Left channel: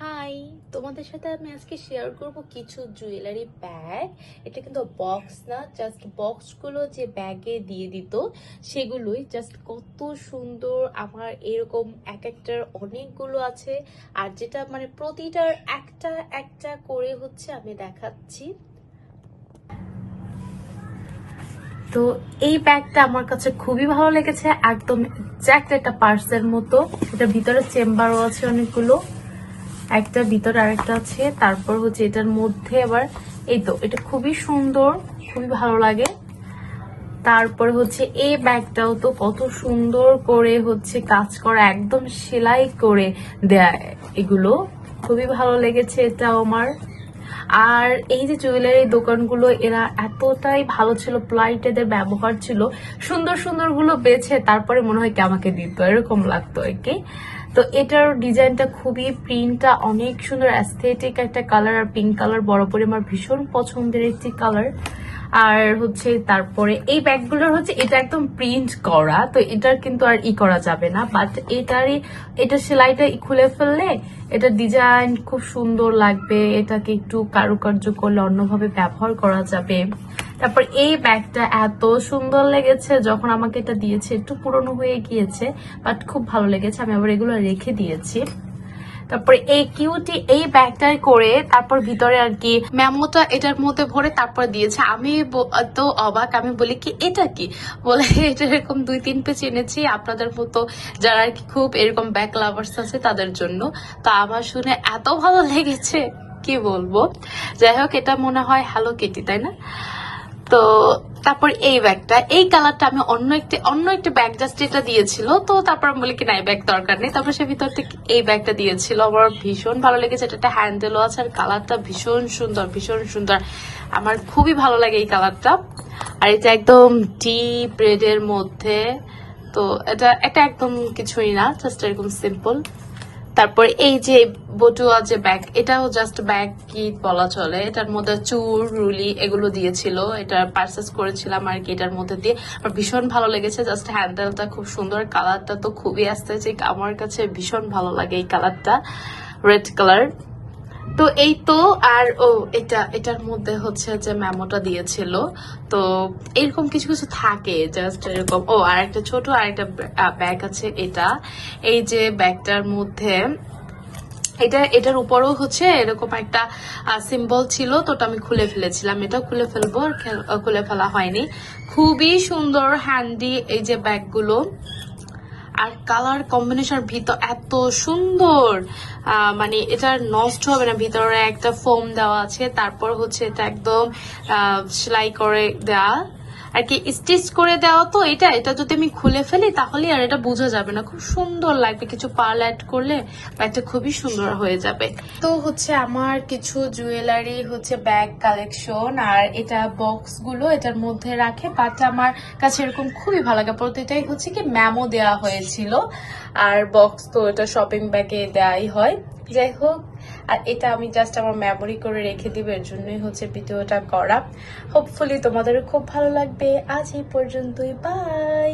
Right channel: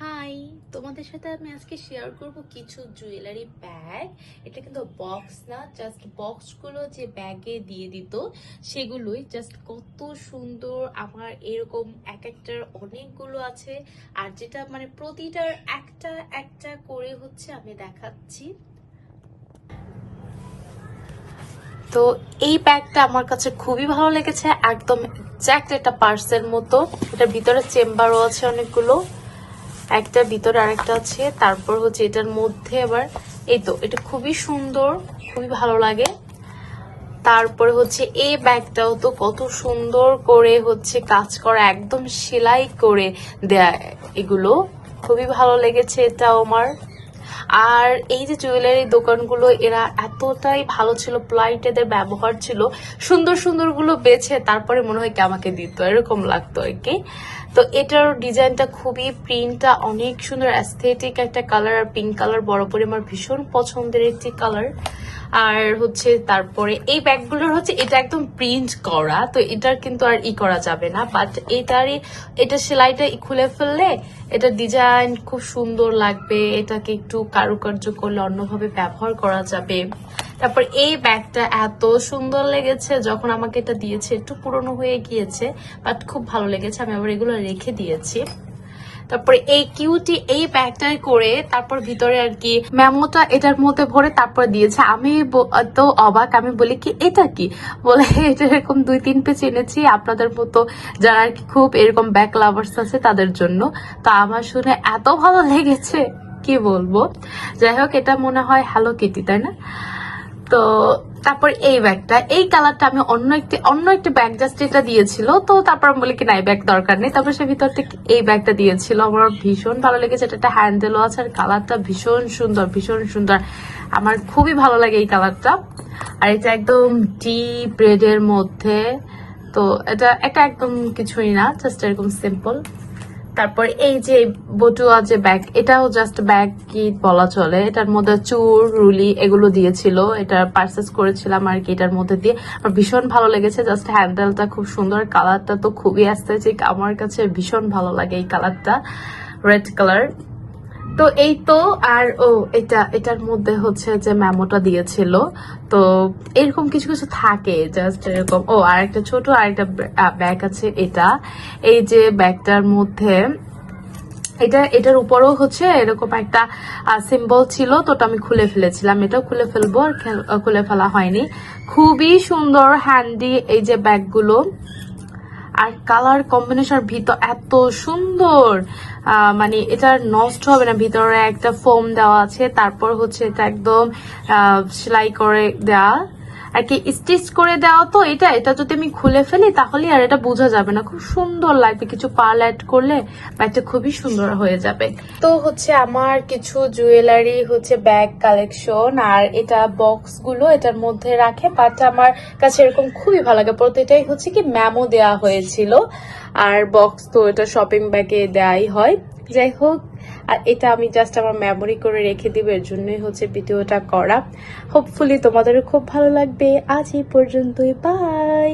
High, তোমাদের সাথে আমি আজকে শেয়ার করব কিছু জুয়েলারি ব্যাগ। এটা কিন্তু বক্স না, জাস্ট বক্সগুলো যে ব্যাগে দিয়ে দিত সেগুলোই। জাস্ট কত সুন্দর! আমার এরকম এক একটার অনেকগুলো আছে, আর যেটা মানে প্রতিটার একটা একটা করে হচ্ছে আমি দেখাচ্ছি। তো এই ব্যাগটা আমার কাছে খুবই ভালো লেগেছে, একদম এক্সাক্ট একটা পার্সের মতো। এটা ভিতরে চেম্বারও আছে অনেকগুলো, একটা ভিতরে আরেকটা আছে। তারপর হচ্ছে এটার মধ্যে আবার এই তো এটা খুবই সুন্দর, খুবই ভালো লাগে। তারপরে হচ্ছে এই ব্যাগটাও তো কত সুন্দর করে হচ্ছে কাজ করা, একদম সেলাই করে দেয়া। এগুলো খুবই ভালো লেগেছে এটাও আমার। আর এই যে জুয়েলারি দোকানগুলো, এরা এতটাই ভালো ছিল, প্লাইট এদের ব্যবহার ছিল, সুন্দর সুন্দর গুলো বেছে তারপরে মনে হয় কি আমাকে দিত, এরকম লাগতো আর কি। তো এটার ডিজাইনটা খুবই, প্রিন্টটা অনেক সুন্দর, অ্যাস্থেটিক একটা কালার, আর পিঙ্ক কালার বরাবরই আমার ভীষণ পছন্দের একটি কালার। আর হচ্ছে তারপরে এই ব্যাগগুলোর হচ্ছে এটা একদম প্রিন্ট করা, তো এটার কিন্তু আর করা যাবে না, বাট এটা সেলাইটা খুলে ফেললে এটা ডিজাইন খুব সুন্দর লাগবে, এটাকে একটু কারুকার্য করলে অন্যভাবে ব্যবহার করা যাবে। তারপর এই ব্যাগটা এত সুন্দর লেগেছে, যখন আমাকে এটা দিয়েছে একটু পুরনো হয়ে গিয়েছে, বাট খুব ভালো লেগেছে, আমি আবার এগুলো রেখে দিয়েছি। তারপরে এই কিউটি এই ব্যাগটাই করে তারপর ভিতরে আর কি মেমোটা এটার মধ্যে ভরে তারপর দিয়েছে। আমি তো অবাক, আমি বলি কি এটা কি, বলে এটা এরকম 2-3 পেজ এনেছি আপনাদের মতো যারা আর কি খুব এরকম ব্যাগ লাভার্স আছে তাদের জন্য। তো আমার শুনে এত ভালো লেগেছে কি বলবো। যাই হোক, এটা মনে হয় হ্যালো কিটি, তাই না? তো তারপর এই ব্যাগটা, এই কালারটা আমি অন্য একটি ব্যাগ জাস্ট এটা দিয়েছিল, তো তারপর আমি বলি কি না এই ব্যাগ দরকার নেই। তারপর সে ভিতর থেকে এই ব্যাগটা দিয়েছিল, আমার ভীষণ ভালো লেগেছে। এটা একটা হ্যান্ডেলও আছে, আর কালারটা ভীষণ সুন্দর, ভীষণ সুন্দর, আমার খুবই ভালো লাগে এই কালারটা। আর এটা একদম ডিপ রেডের মধ্যে, তো এটা একদম কিছুই না, জাস্ট এরকম সিম্পল। তারপর এই যে বটুয়া যে ব্যাগ, এটাও জাস্ট ব্যাগ কি বলা চলে, এটার মধ্যে চুর রুলি এগুলো দিয়েছিল, এটা পারচেস করেছিলাম আর কি এটার মধ্যে দিয়ে। আমার ভীষণ ভালো লেগেছে, জাস্ট হ্যান্ডেলটা খুব সুন্দর, কালারটা তো খুবই অ্যাস্থেটিক, আমার কাছে ভীষণ ভালো লাগে এই কালারটা, রেড কালার। তো এই তো, আর এটার মধ্যে হচ্ছে যে মেমোটা দিয়েছিল। তো এরকম কিছু কিছু থাকে জাস্ট এরকম। আর একটা ছোট আরেকটা ব্যাগ আছে, এই যে ব্যাগটার মধ্যে এটার উপরেও হচ্ছে এরকম একটা সিম্বল ছিল, তো ওটা আমি খুলে ফেলেছিলাম, এটাও খুলে ফেলবো, আর খুলে ফেলা হয়নি। খুবই সুন্দর হ্যান্ডি এই যে ব্যাগগুলো, আর কালার কম্বিনেশন ভিতর এত সুন্দর, মানে এটা নষ্ট হবে না। ভিতরে একটা ফোম দেওয়া আছে, তারপর হচ্ছে এটা একদম সেলাই করে দেওয়া আর কি, স্টিচ করে দেওয়া। তো এটা যদি আমি খুলে ফেলি তাহলে আর এটা বোঝা যাবে না, খুব সুন্দর লাগবে। কিছু পার্ল অ্যাড করলে ব্যাগটা খুবই সুন্দর হয়ে যাবে। তো হচ্ছে আমার কিছু জুয়েলারি হচ্ছে ব্যাগ কালেকশন, আর এটা বক্স গুলো এটার মধ্যে রাখে, বাট আমার কাছে এরকম খুবই ভালো লাগে। প্রতিটাই হচ্ছে কি মেমো দেওয়া হয়েছিল, আর বক্স তো এটা শপিং ব্যাগে দেয়াই হয়। যাই হোক, আর এটা আমি জাস্ট আমার মেমোরি করে রেখে দিব, এর জন্যই হচ্ছে ভিডিওটা করা। হোপফুলি তোমাদেরও খুব ভালো লাগবে। আজ এই পর্যন্তই, বাই।